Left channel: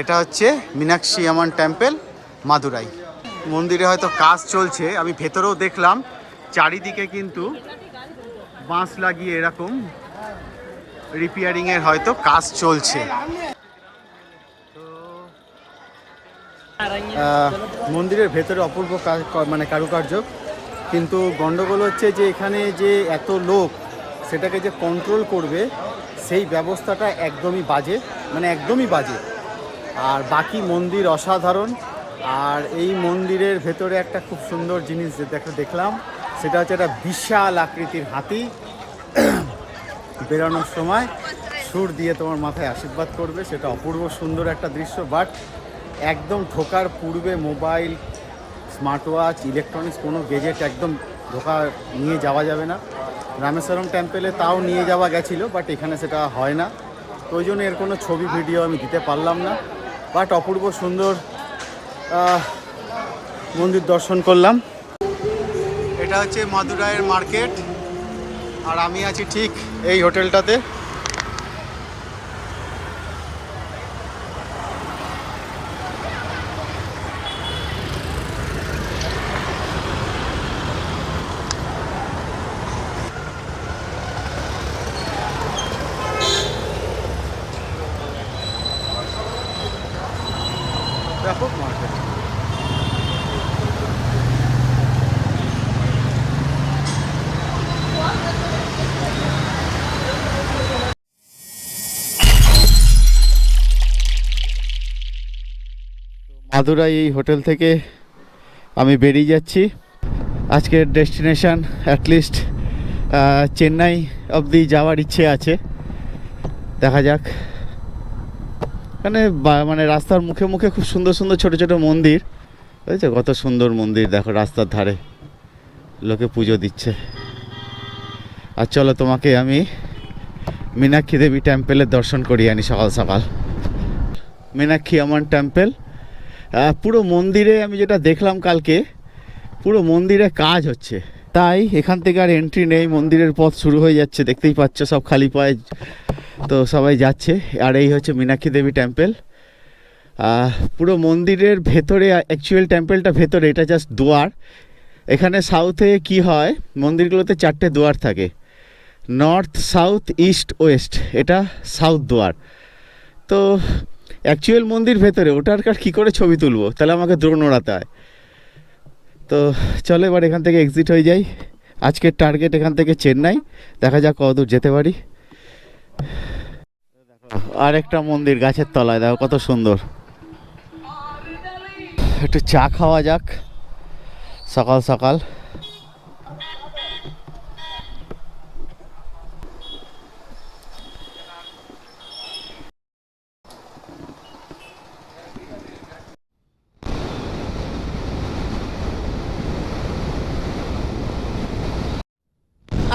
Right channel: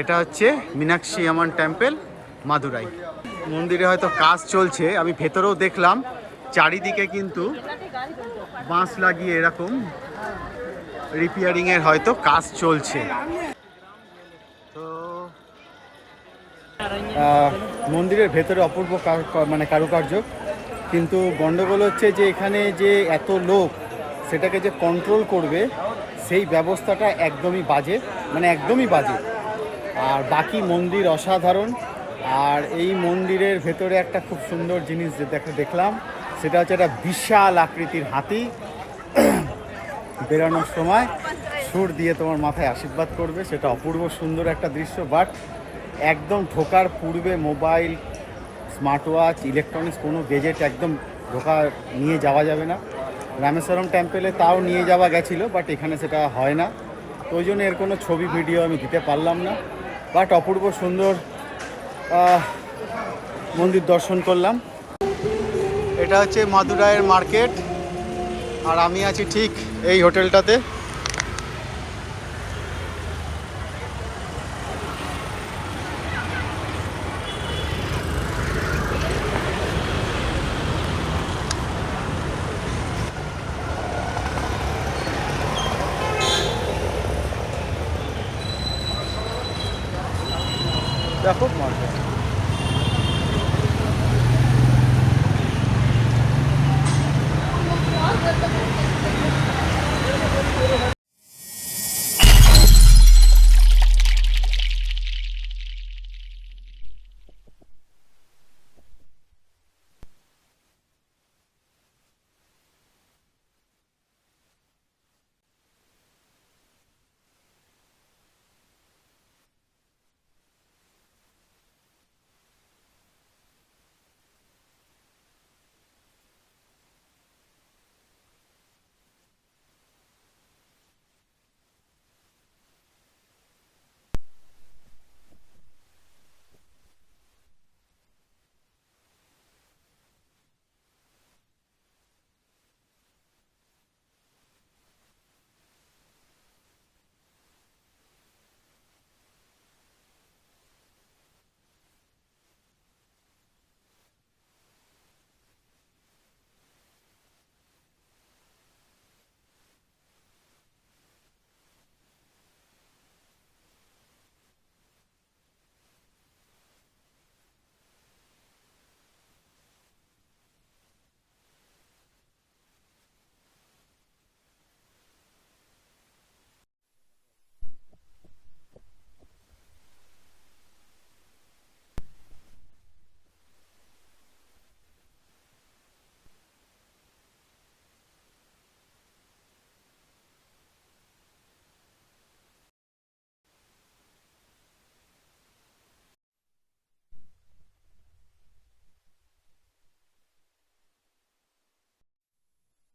এটা হচ্ছে মীনাক্ষী আম্মান টেম্পল, মাদুরাই। মন্দিরে হয়তো কাজ চলছে, আমি ভেতরেও দেখলাম চারিদিকে কিন্তু বাঁশ লাগিয়ে এরকম রিপেয়ারিংয়ের হয়তো কাজ চলছে। তো মন্দিরের ভেতরে অপূর্ব মানে কারুকার্য, কিন্তু গন্ডগোল হচ্ছে যে এখানে যে এত লোক সেটাকে যে কন্ট্রোল করবে সেই ব্যবস্থাটা একদমই বাজে, মানে একদমই বাজে। আর বাকি মন্দির অসাধারণ। আর এই মন্দিরের ভেতরে একটা খুব সুন্দর জিনিস দেখলাম, সেটা হচ্ছে একটা বিশাল আকৃতির হাতি বেরোনোর সময় সুর দিয়ে তোমার মাথায় আশীর্বাদ করবে। সেটা অপূর্ব সুন্দর একটা দৃশ্য। বাট একদম ঢোকার পূর্বে মোবাইল, স্মার্ট ওয়াচ, ইলেকট্রনিক্স কোনো গেজেট একদম নিয়ে যাওয়া যাবে না। রামেশ্বরম টেম্পেলে তাও নিয়ে যাওয়া গেছিলো, বাট এখানে সেটা হয় না। তো ওই জন্য এর কোনো ছবি ভিডিও আমি দিতে পারলাম না। বাট অপূর্ব সুন্দর মন্দির দর্শন করলাম। এটা হচ্ছে মাদুরাইয়ের মার্কেট, আর আমি আছি ঠিক এই হোটেলটাতে। ব্যাপক মার্কেট। মাদুরাই এই হোটেল থেকে আমি বেরিয়ে যাচ্ছি। আজকের ডেস্টিনেশন অ্যাটলিস্ট চেন্নাই অবধি যাওয়ার ইচ্ছে আছে, দেখা যাক। মানে রাস্তার মুখে মুখে খুব সুন্দর সুন্দর ছোট ছোট মন্দির, বুঝেছো? কত সুন্দর মন্দির দেখো রাস্তার ধারে, লোকে পুজো দিচ্ছে। আর চলো তোমাকে আমি মীনাক্ষী দেবী টেম্পেলের দর্শন করিয়ে আনি সকাল সকাল। মীনাক্ষী আম্মান টেম্পল, পুরো মন্দিরে আমি যেটা দেখলাম কালকে, পুরো মন্দিরে কাজ হচ্ছে, তাই এখান থেকে আর এন্ট্রি নেই। মন্দিরের পথ শুরু হয়ে যাচ্ছে, দেখতেই পাচ্ছ সব খালি পায়ে তো সবাই যাচ্ছে। আর এই হচ্ছে মীনাক্ষী দেবী টেম্পল। পুরো মন্দিরের ভেতরে, অ্যাকচুয়াল টেম্পলটা ভেতরে, এটা জাস্ট দুয়ার। এখানে সাউথে কি হয়, মন্দিরগুলোতে 4টে দুয়ার থাকে, নর্থ, সাউথ, ইস্ট, ওয়েস্ট। এটা সাউথ দুয়ার। তো অ্যাকচুয়াল মন্দির ভেতরে, ওটার কী করে ছবি তুলবো, তাহলে আমাকে দ্রোণ ওড়াতে হয়। তো চলো এবার এখান থেকে এক্সিট হয়ে যাই। আজকের টার্গেট এখান থেকে চেন্নাই, দেখা যাক কতদূর যেতে পারি। আর একটা মন্দির গাছের তলায়, দেখো কত সুন্দর। একটু চা খাওয়া যাক সকাল সকাল।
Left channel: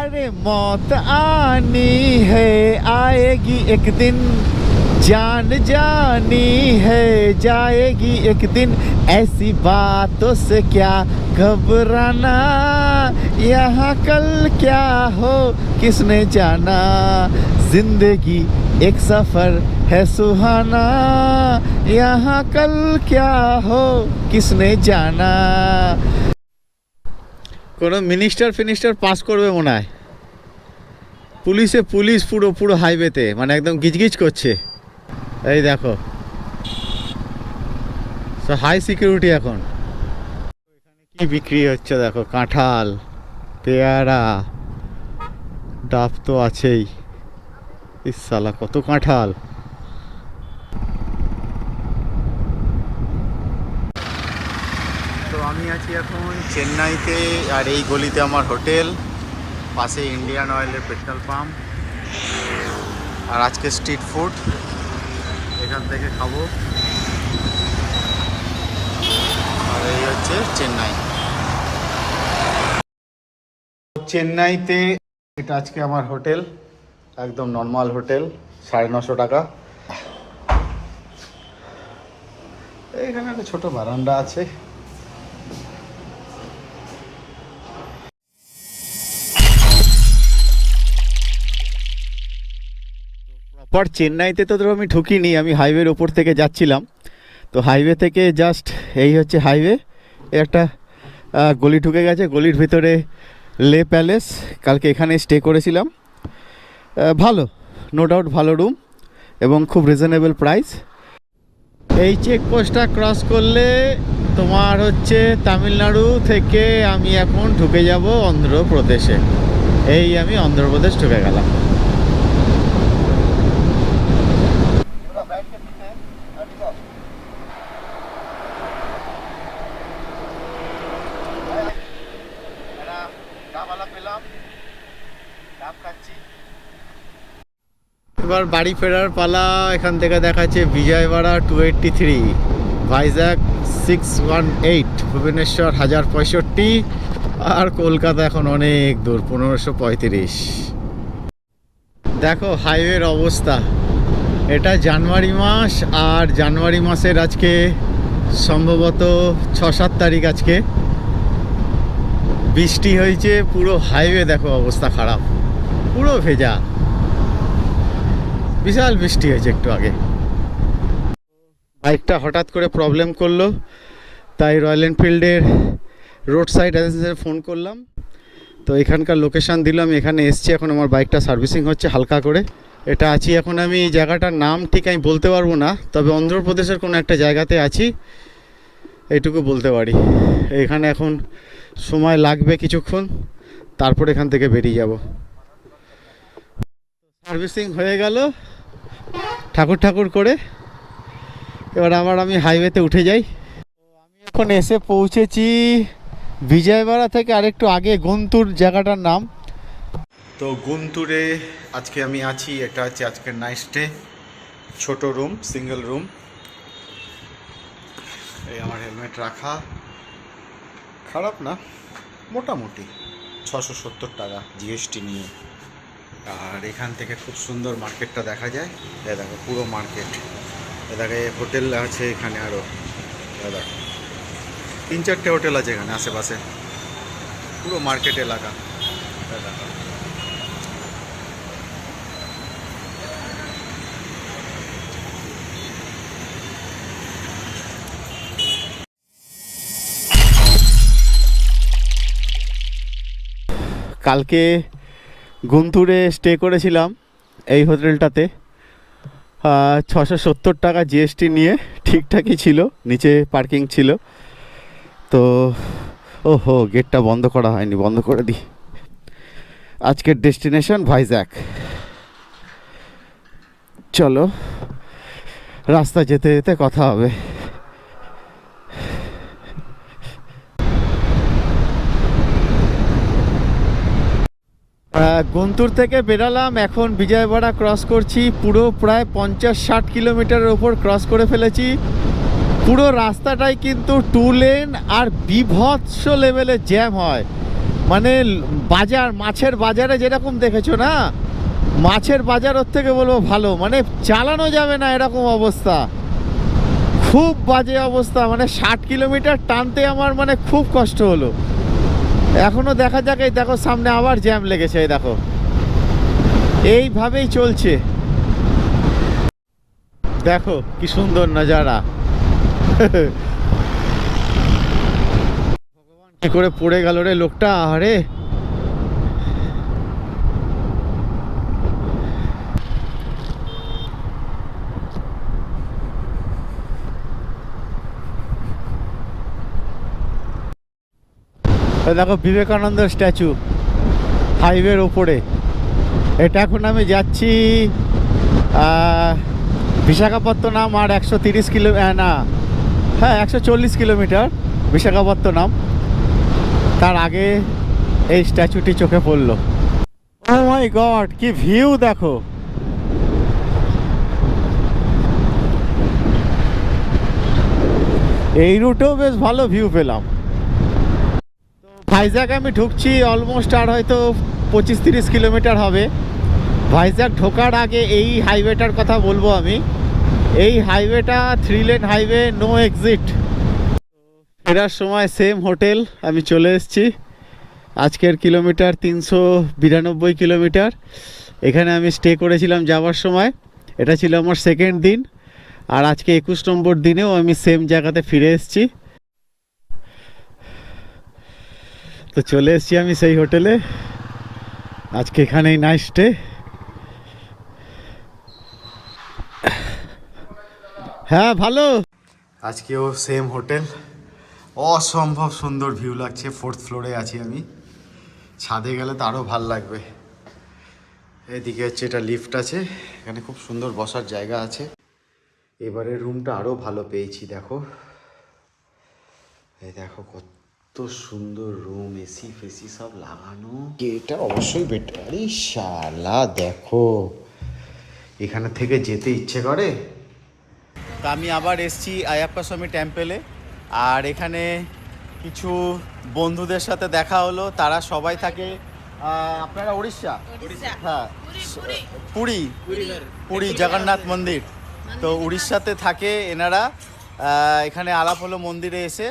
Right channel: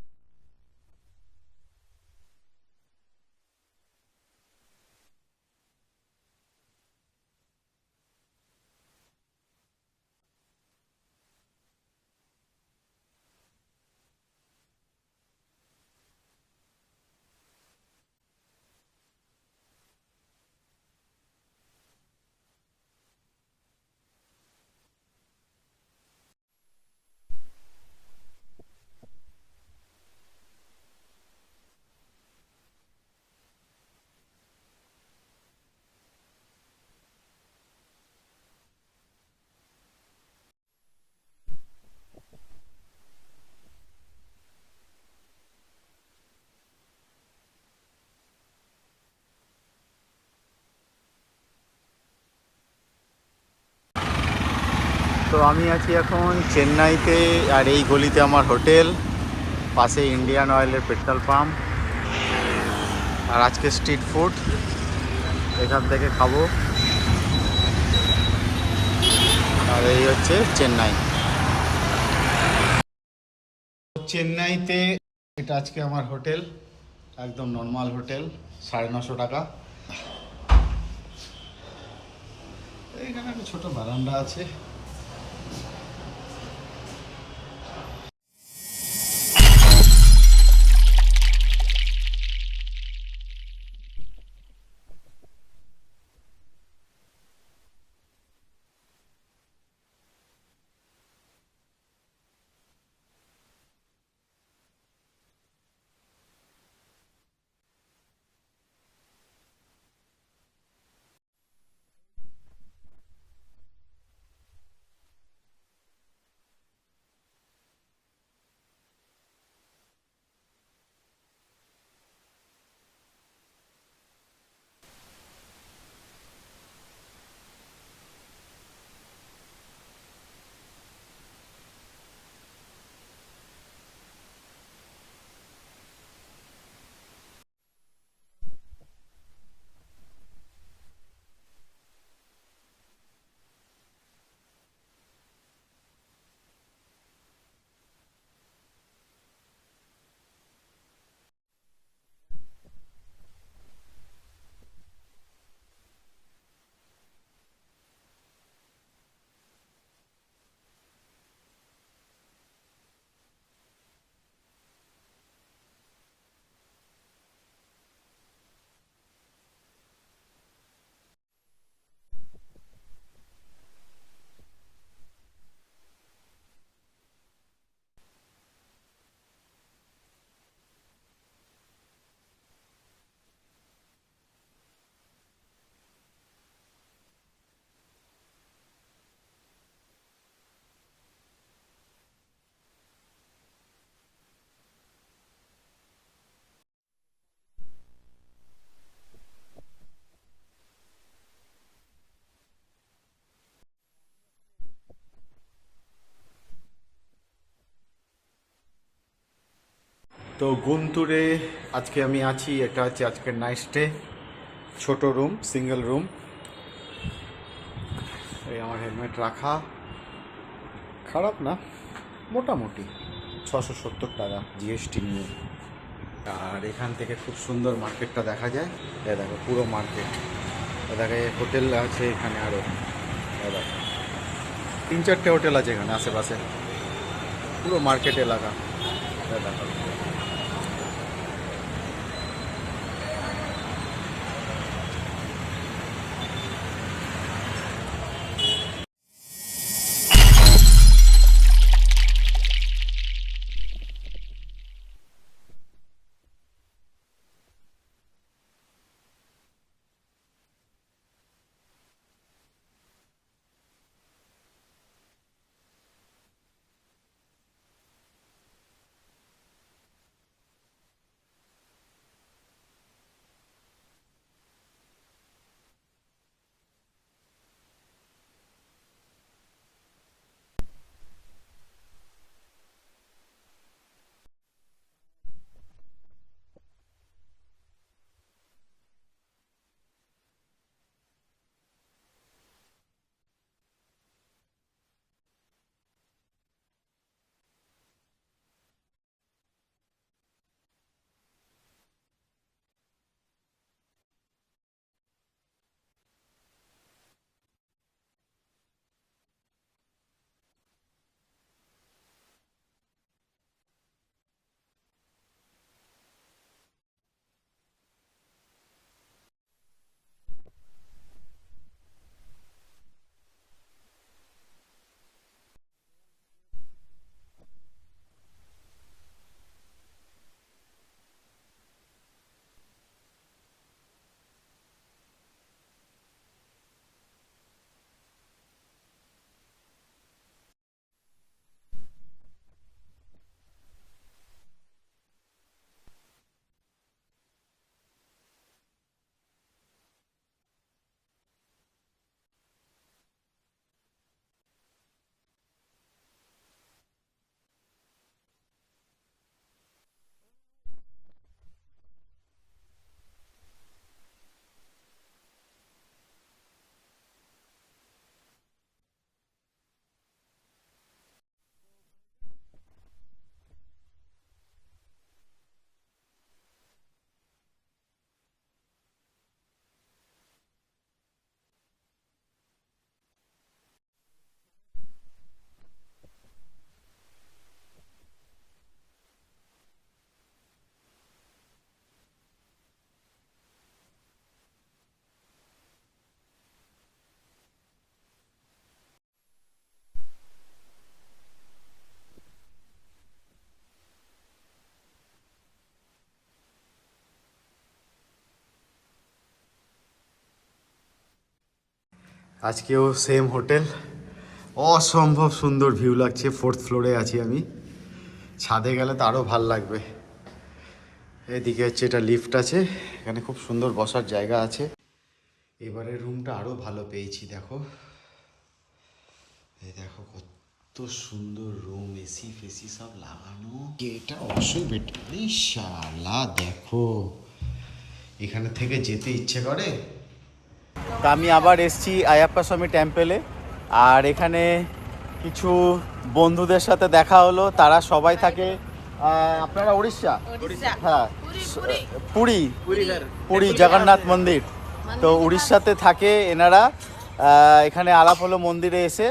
अरे मौत आनी है, आएगी एक दिन, जान जानी है, जाएगी एक दिन, ऐसी बातों से क्या घबराना, यहाँ कल क्या हो किसने जाना, जिंदगी एक सफर है सुहाना, यहाँ कल क्या हो किसने जाना। কোনো মিনিস্টার পাস করবে মনে হয়। পুলিশ পুরো পুরো হাইওয়েতে, মানে একদম গিজগিজ করছে। এই দেখো হাই সিকিউরিটি এখন। কি বিক্রি হচ্ছে দেখো, কাঁঠাল, পেয়ারা, ডাব তো আছেই। ইস শালা কত কাঁঠাল। তো আমি আছি এখন চেন্নাইতে, আর এই গলিতে আমার হোটেল, পাশে ইন্ডিয়ান অয়েলের পেট্রোল পাম্প। আর আজকে স্ট্রিট ফুড এখান থেকে খাবো। আর এই হচ্ছে চেন্নাই। চেন্নাইতে এটা আজকে আমার হোটেল, একদম নর্মাল হোটেল, 950 টাকা। এখানে একটা ছোট বারান্দা আছে। প্রপার চেন্নাইতে তো ধরো আমি ঢুকিনি, আমি হাইওয়ের ওপর থেকে যাচ্ছিলাম। তো হাইওয়ে থেকে জাস্ট এই হচ্ছে হাইওয়ে, একটা গলি ঢুকে গেছে, গলির ভিতরে লে প্যালেস। কালকে এখানে স্টে করেছিলাম। ভালো, নো ডাউট ভালো রুম এবং খুব রিজনেবল প্রাইস। এই চেকপোস্টটা ক্রস করলে তোমার হচ্ছে তামিলনাড়ু থেকে আমি এখন ঢুকে যাব অন্ধ্রপ্রদেশে। এই আমি অন্ধ্রপ্রদেশ ঢুকে গেলাম। এবার বাড়ি ফেরার পালা। এখান থেকে দেখাচ্ছে বিজয়ওয়াড়া 283, ভাইজ্যাক 618, ভুবনেশ্বর 1065, আর কলকাতা এখন অনেক দূর 1535। দেখো হাইওয়ের অবস্থা। এটা জানুয়ারি মাস, আর জানুয়ারি মাসের আজকে সম্ভবত 6-7 তারিখ। আজকে বৃষ্টি হয়েছে, পুরো হাইওয়ে দেখো অবস্থা খারাপ, পুরো ভেজা। বিশাল বৃষ্টি হয়েছে একটু আগে। বাইকটা হঠাৎ করে প্রবলেম করলো, তাই রয়্যাল এনফিল্ডের রোড সাইড এজেন্সিতে ফোন করলাম। তো এখানকার লোকেশান দিলাম, এখানে এসছি। এখন আমার বাইকটা সার্ভিসিং হচ্ছে হালকা করে। এটা আছি এখন আমি, এই জায়গাটার নাম ঠিক আমি বলতে পারবো না, তবে অন্ধ্রপ্রদেশের কোনো একটা জায়গাতে আছি, এইটুকু বলতে পারি। এখানে এখন সময় লাগবে কিছুক্ষণ, তারপর এখান থেকে বেরিয়ে যাব। সার্ভিসিং হয়ে গেল ঠাকুর ঠাকুর করে। এবার আবার আমি হাইওয়েতে উঠে যাই। আমি এখন এসে পৌঁছেছি বিজয়ওয়াড়া থেকে আরেকটু আগে, গুন্তুর জায়গাটার নাম। তো গুন্তুরে আজকে আমি আছি। এটা হচ্ছে আজকের নাইট স্টে, ছোট রুম, সিঙ্গেল রুম। এই আমার হেলমেট রাখা, খারাপ না, মোটামুটি 670 টাকা জিএসটি নিয়ে। আর এখান থেকে খুব সুন্দর মার্কেটটা দেখা যায়। এ দেখো পুরো মার্কেট, এ দেখো হোটেল আছে এখানে আরও, দেখো 3-4টে হোটেল আছে এখানে আশেপাশে, পুরো মার্কেট এলাকা। দেখো কালকে গুন্তুরে স্টে করেছিলাম এই হোটেলটাতে। 670 টাকা জিএসটি নিয়ে, ঠিকঠাকই ছিল, নিচে পার্কিং ছিল। তো ওহো, গেটটা বন্ধ করা হয়নি, বন্ধ করে দিই। আজকের ডেস্টিনেশন ভাইজ্যাক। চলো রাস্তা যেতে যেতে কথা হবে। গুন্তুর থেকে বেরালাম, এখন বিজয়ওয়াড়া ক্রস করছি। পুরো প্রায় 50-60 কিলোমিটারের ওপর ক্রস করে ফেলেছি। পুরো রাস্তাটাই কিন্তু 2 লেন, আর বিভৎস লেভেলের জ্যাম হয়। মানে বাজার, মাছের বাজারে যেরকম দেখেছো না, মাছের বাজার ওর থেকে বলবো ভালো। মানে চালানো যাবে না এরকম অবস্থা, খুব বাজে অবস্থা। মানে 60 কিলোমিটার টানতে আমার মানে খুব কষ্ট হলো। এখনো দেখা যাক, এই দেখো সামনে আবার জ্যাম লেগেছে, এই দেখো এইভাবেই চলছে। দেখো কি সুন্দর নজারা। ভগবান, কি করে পড়ে গেল রে লোকটা, আরে দেখো বিবেকানন্দ স্ট্যাচু হাইওয়ের ওপরে। এটা এখন আমি যাচ্ছি বিশাখাপত্তনম, আর 130 কিলো, না হ্যাঁ 140 কিলোমিটার বিশাখাপত্তনম। তার আগে এই স্ট্যাচুটি চোখে পড়লো। ও মাই গড, কি ভিউ দেখো। এই রুটেও বেশ ভালো ভিউ পেলাম। ভাইজ্যাক আমি ঢুকছি, অলমোস্ট আর হয়তো 25-30 কিলোমিটার হবে। ভাইজ্যাক ঢোকার আগে এই হাইওয়েটার কথা বলবো আমি। এই হাইওয়েটা 3 লেন হাইওয়ে, নো এক্সিট। ফেরার সময় সেম হোটেল আমি চলে এসেছি। আজকের কিলোমিটার 392 কিলোমিটার। এখানে আমি স্টে করেছিলাম যাওয়ার সময়। এটা ছিল আমার সেকেন্ড দিন, আর আজকে 21 নম্বর দিনেও আমি সেম জায়গাতে ফিরে এসেছি। তো চলে এসেছি আমি সেই হোটেলে, আজকে এখানেই নাইট স্টে। হ্যাঁ ভালো। আজকেও সেম হোটেল, অসম্ভব সুন্দর ভিউ লাগছে। 4th ফ্লোরে আছি আমি, ছাদে গেলে তো আরও ভাল লাগবে। এদিকে হচ্ছে এটা লিফট আছে, এখানে খুব সুন্দর বসার জায়গা আছে। এবারে রুমটা আরও ভালো পেয়েছি, দেখো এই দেখো কত সুন্দর রুম, এসি ফেসি সব লাগানো। এটা অবশ্যই বেটার। আরে শালা দেখো, এখানে থেকে যেতে ইচ্ছে করে। তা আমি আবার এসেছি আয়াপ্পা স্বামী টেম্পেলে, আর এখানে কিছু বন্ধুদের সাথে দেখা হলো। তারা সবাই থাকে আপনারা উড়িষ্যা? হ্যাঁ, পুরী, পুরী জগন্নাথ মন্দির। তো উড়িষ্যাতে থাকে এনারা। এখানে আলাপ হলো মন্দিরে এসে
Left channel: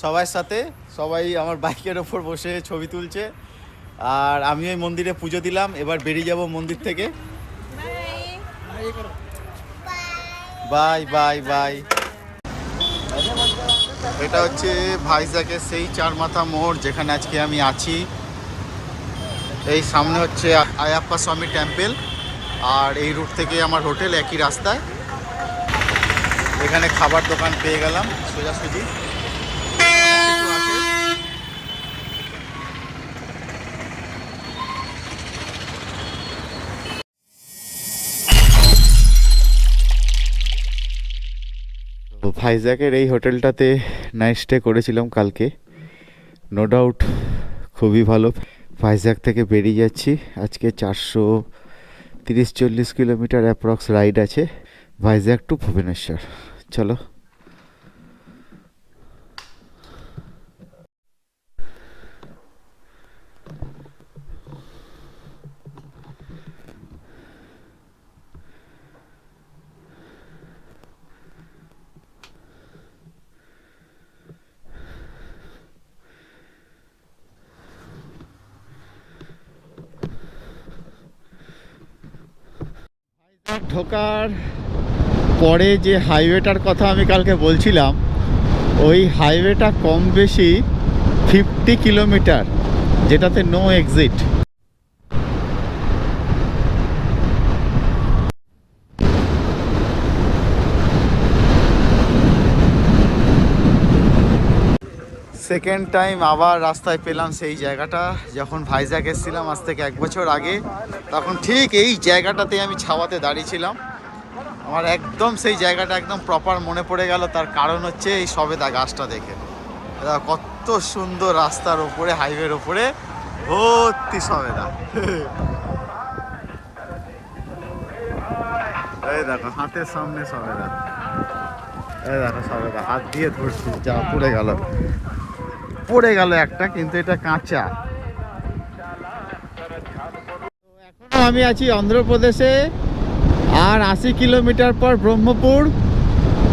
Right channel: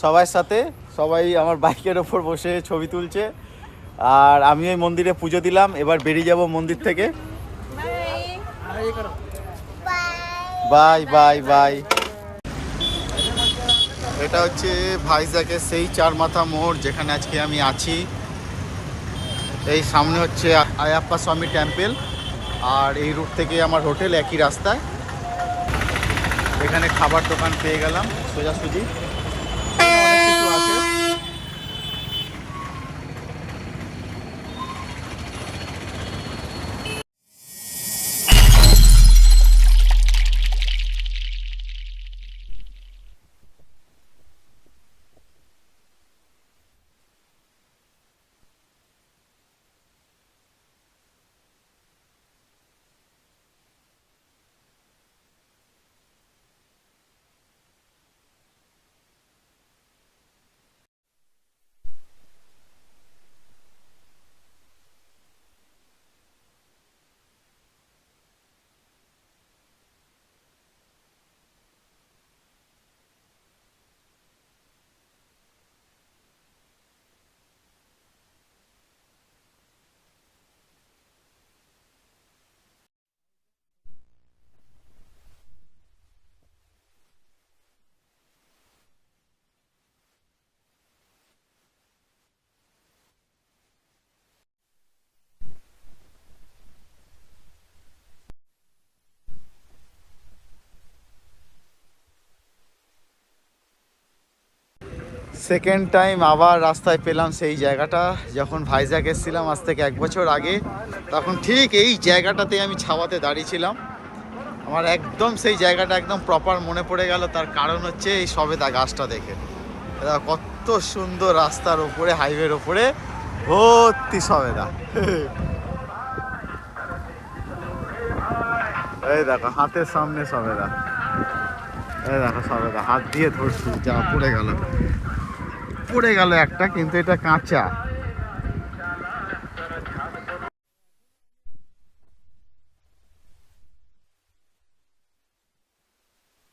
সবার সাথে। সবাই আমার বাইকের ওপর বসে ছবি তুলছে, আর আমি ওই মন্দিরে পুজো দিলাম। এবার বেরিয়ে যাব মন্দির থেকে। Bye bye bye. এটা হচ্ছে ভাইজ্যাগের সেই চার মাথা মোড় যেখানে আজকে আমি আছি। এই সামনে হচ্ছে আয়াপ্পা স্বামী টেম্পল, আর এই রুট থেকে আমার হোটেল একই রাস্তায়। এখানে খাবার দোকান পেয়ে গেলাম সোজাসুজি, অনেক কিছু আছে। তো ভাইজ্যাগের এই হোটেলটাতে নাইট স্টে করেছিলাম কালকে। নো ডাউট খুবই ভালো। ভাইজ্যাগ থেকে বেরিয়ে যাচ্ছি আজকে। 430-40 কিলোমিটার অ্যাপ্রক্স রাইড আছে ভাইজ্যাগ টু ভুবনেশ্বর। চলো। ঢোকার পরে যে হাইওয়েটার কথা আমি কালকে বলছিলাম, ওই হাইওয়েটা কম বেশি 50 কিলোমিটার, যেটাতে নো এক্সিট। সেকেন্ড টাইম আবার রাস্তায় পেলাম সেই জায়গাটা। যখন ভাইজ্যাগ এসেছিলাম আজ থেকে 1 বছর আগে, তখন ঠিক এই জায়গাটাতে আমি ছাওয়াতে দাঁড়িয়েছিলাম। আমার একদম সেই জায়গাটা একদম প্রপার মনে পড়ে গেল। তার কারণ হচ্ছে এই সবেদা গাছটা দেখে। কত সুন্দর, রাস্তার ওপরে, হাইওয়ের ওপরে ভর্তি সবেদা। এই দেখো হাতের সামনে সবেদা, এই দেখো সবেদা, হাত দিয়ে ধরছি, যা পড়ে গেল, পড়ে গেল একটা, কিন্তু এটা কাঁচা। এখনো আমি আছি অন্ধ্রপ্রদেশে, আর 80 কিলোমিটার পর ব্রহ্মপুর।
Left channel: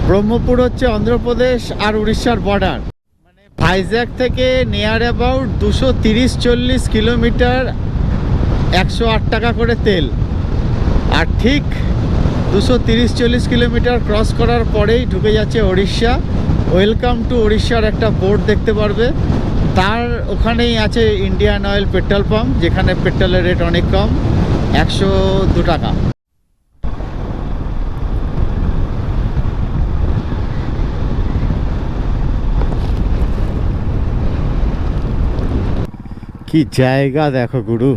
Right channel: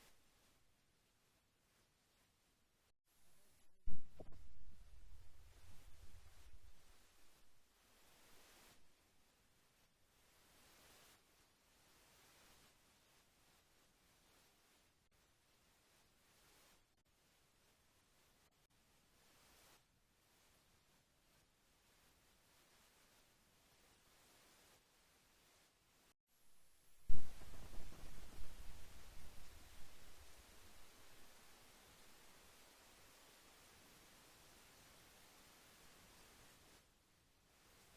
ব্রহ্মপুর হচ্ছে অন্ধ্রপ্রদেশ আর উড়িষ্যার বর্ডার। মানে ভাইজ্যাগ থেকে নিয়ার অ্যাবাউট 230-40 কিলোমিটার, 108 টাকা করে তেল। আর ঠিক 230-40 কিলোমিটার ক্রস করার পরেই ঢুকে যাচ্ছে উড়িষ্যা। ওয়েলকাম টু উড়িষ্যার একটা বোর্ড দেখতে পারবে। তার ওখানেই আছে ইন্ডিয়ান অয়েল পেট্রোল পাম্প, যেখানে পেট্রোলের রেট অনেক কম, 102 টাকা। কি জায়গা দেখো গুরু।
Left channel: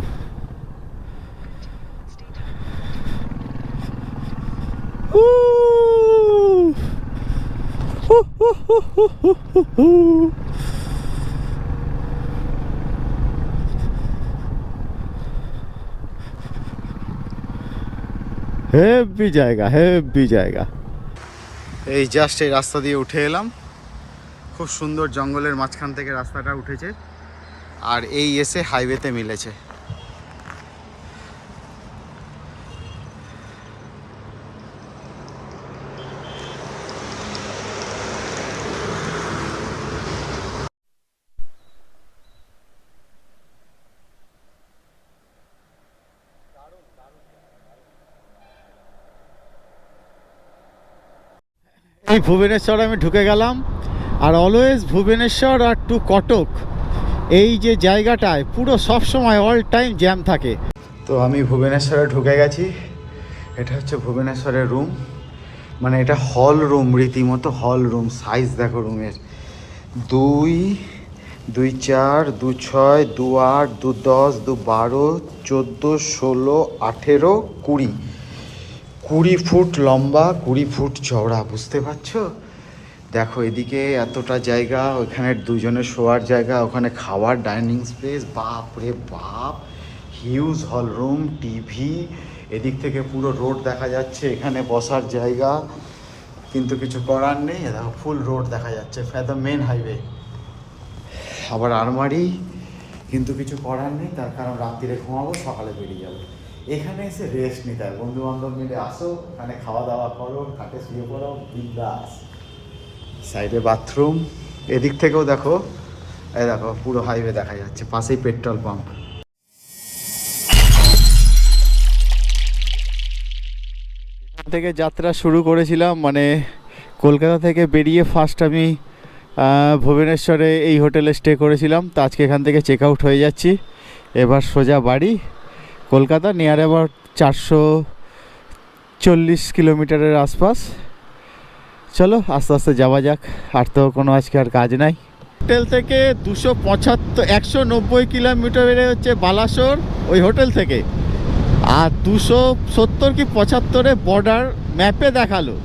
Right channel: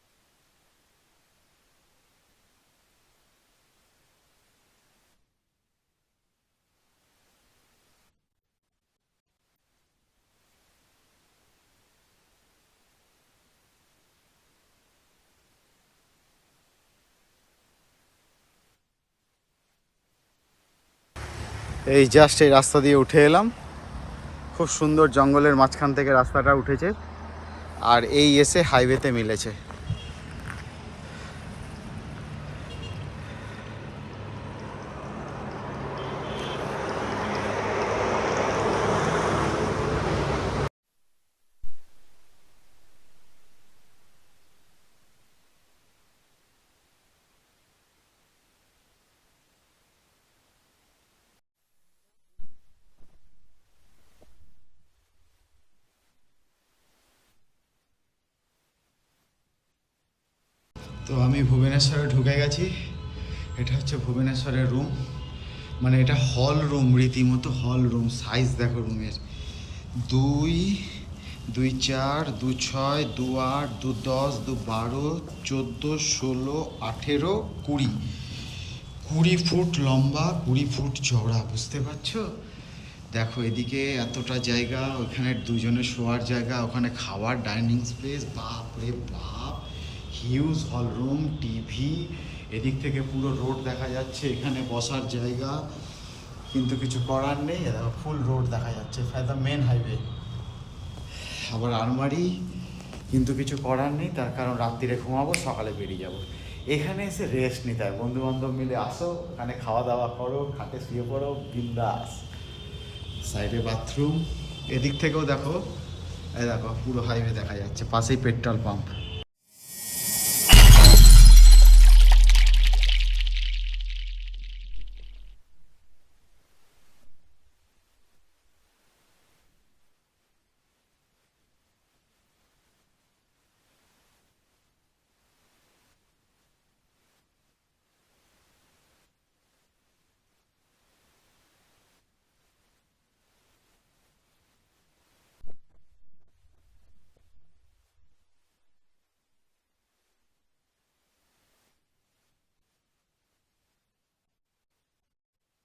হেভি জায়গা, হেভি জায়গা। এই জাস্ট এই রাস্তা দিয়ে উঠে এলাম, খুব সুন্দর জঙ্গলের মাঝখান থেকে রাস্তাটা উঠেছে, আর এই এসে হাইওয়েতে মিলেছে। এই ভুবনেশ্বর আমি ঢুকে গেলাম। Are always Bhubaneswar R two Cuttack এই যে জায়গাটায় পুরো সব সময় অল টাইম জ্যাম থাকে। তো আমি ভুবনেশ্বরে ঢুকে গেছি। এটা হচ্ছে ভুবনেশ্বরের রুম, মানে এটা হল রুম, রীতিমতো হল রুম। সাইজ দেখো রুমের, 2, 2, 4, 2, 6, 2, 8, 2, 10, 2, 12, 14, 16, 18, 20, 20 ফুট লম্বা, 20 ফুট চওড়া। বুঝতে পারছো? দেখো এদিকে এতটা জায়গা, ওখানে দুজনের শোয়ার জায়গা, ওখানে খাওয়ার ডাইনিং স্পেস। বাপ রে বাপ, হিউজ হল রুম, টিভি। এদিক থেকে পুরো রোড দেখা যাচ্ছে, এখানে বসার জায়গা। কিন্তু কিছু করার নেই, দেখো ফুল রোড দেখা যাচ্ছে, একদম মেন হাইওয়ে। আবার আলমারি, কিন্তু কিছু করার নেই, তার কারণ রাত্রিরে ঘুমাবো, সকালে বেরিয়ে যাবো। এখানে এসে রেস্ট নিতে হয়, বন্ধু বান্ধব মিলে আসো, এখানে খাওয়া দাওয়া করো, খাটে শুয়ে পড়ো, বিন্দাস। সাইডে বাথরুম। এদিক থেকেও দেখো, এই দেখো পুরো হাইওয়ে দেখা যাচ্ছে, পাশেই পেট্রোল পাম্প। থেকে যাত্রা শুরু করেছিলাম, মানে কলকাতা থেকে বেরিয়ে ফার্স্ট আমি ভুবনেশ্বরে এই হোটেলে স্টে করেছিলাম। তো আজকে এখান থেকে চেক আউট হয়ে যাচ্ছি, এবার সোজা বাড়ি। কলকাতা নিয়ার অ্যাবাউট 440 কিলোমিটারের আশপাশ। চলো আস্তে আস্তে যাওয়া যাক, আর তো কোনো আজকে আর কাজ নাই। হোটেল থেকে 190 কিলোমিটারে হচ্ছে বালাসোর, ওই হোটেল থেকে। আর 270 কি 75-এ বর্ডার ম্যাপে দেখালো।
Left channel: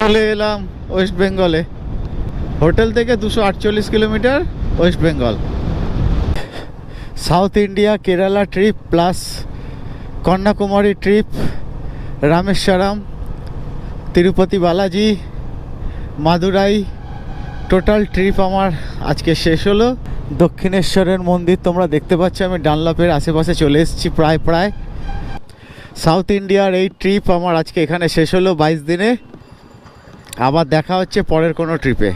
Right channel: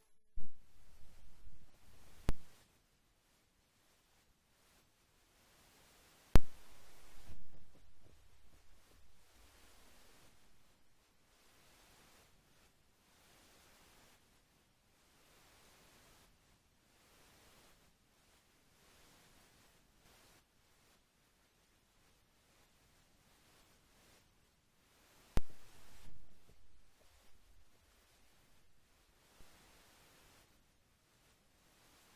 চলে এলাম ওয়েস্ট বেঙ্গলে। হোটেল থেকে 248 kilometre, West Bengal. South India Kerala trip plus Kanyakumari trip, Rameswaram, Tirupati Balaji, Madurai, total trip আমার আজকে শেষ হলো। দক্ষিণেশ্বরের মন্দির তোমরা দেখতে পাচ্ছ, আমি ডানলপের আশেপাশে চলে এসেছি প্রায়। সাউথ ইন্ডিয়ার এই ট্রিপ আমার আজকে এখানে শেষ হলো 22 দিনে। আবার দেখা হচ্ছে পরের কোনো ট্রিপে।